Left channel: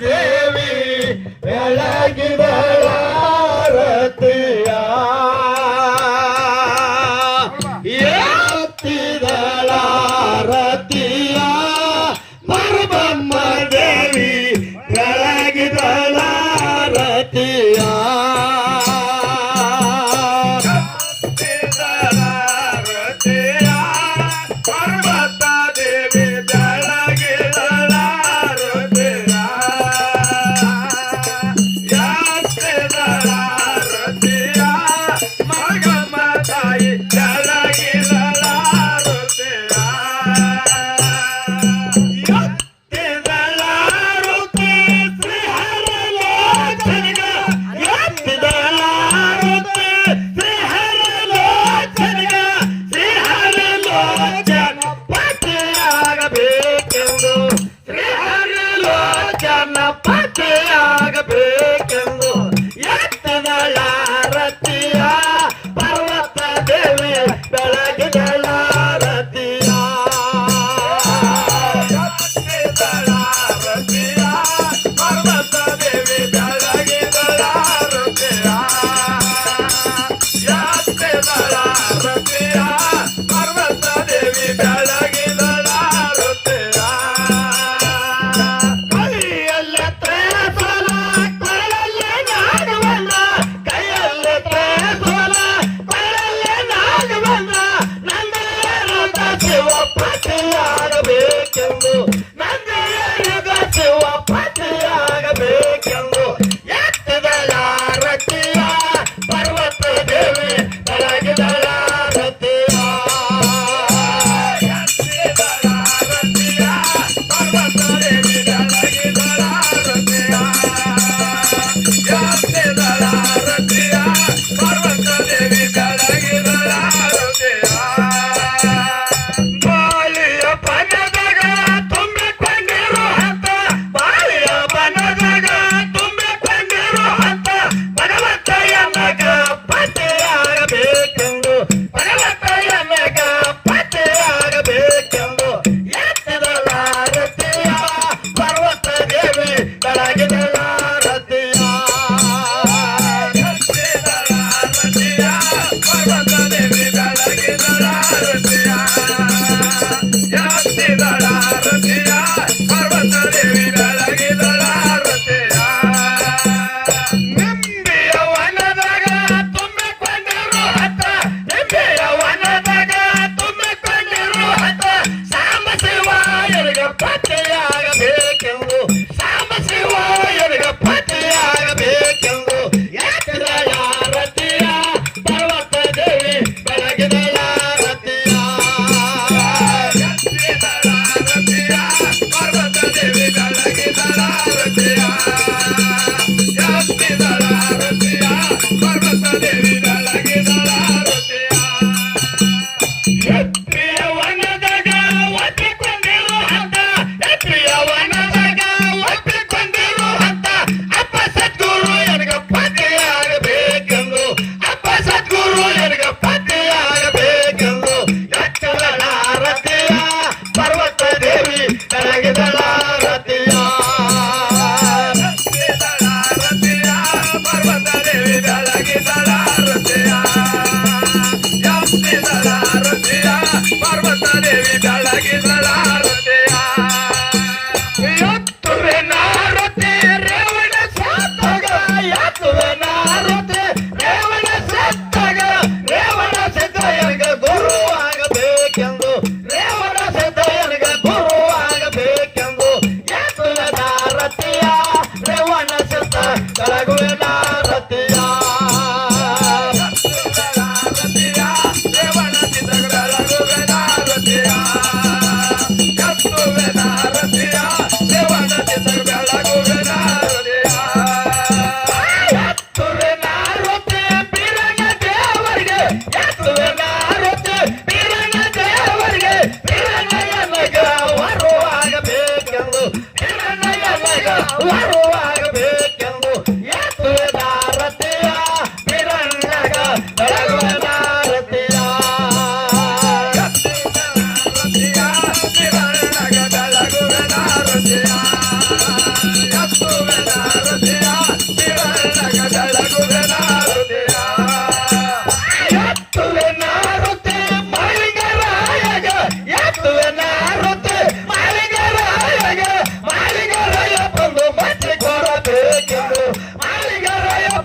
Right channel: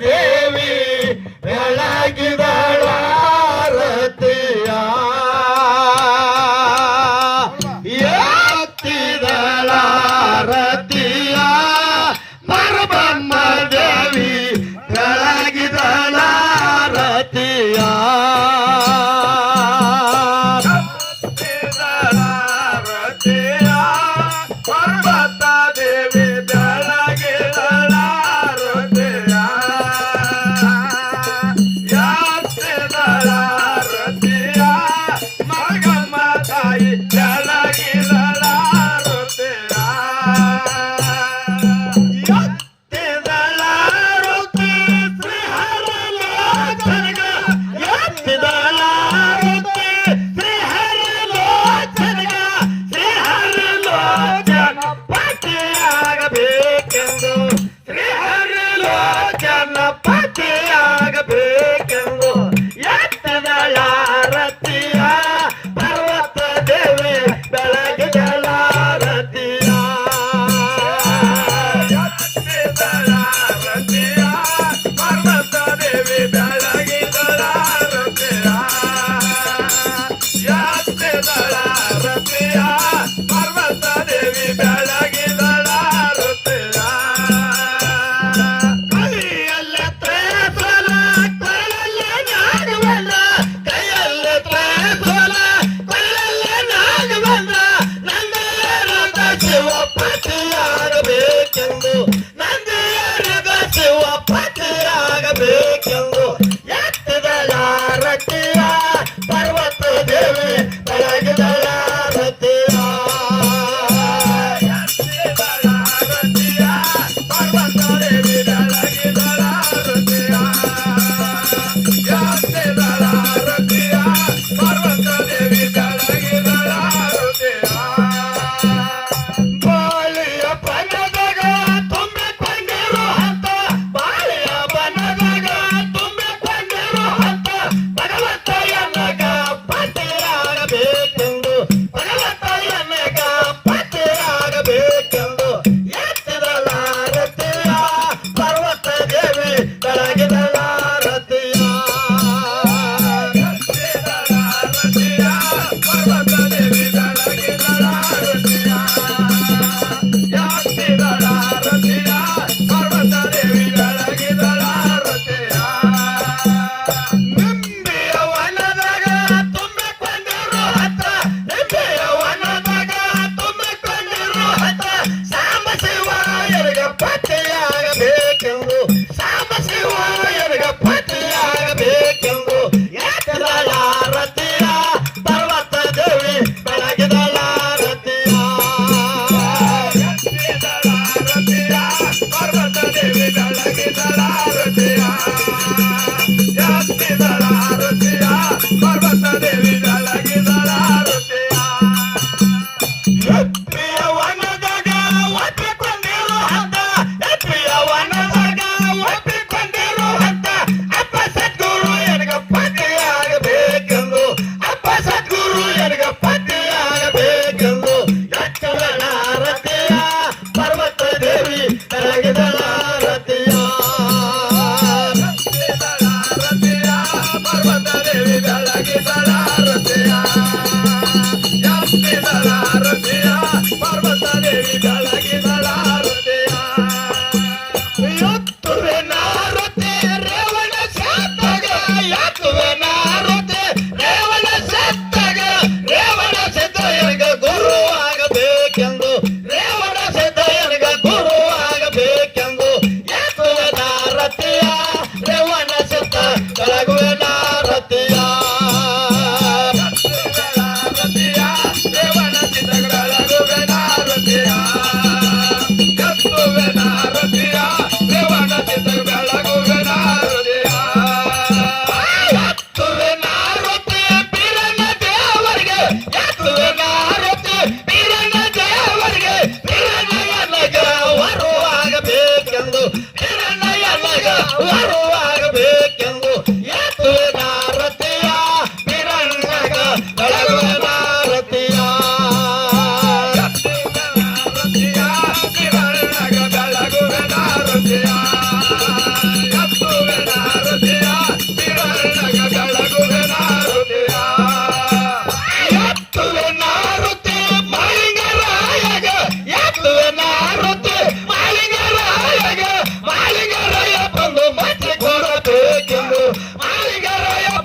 Devi அழகுதா Yeah. Bye.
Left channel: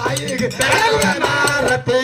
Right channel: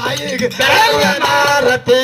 தாயிக்கு தேவனாரத்தே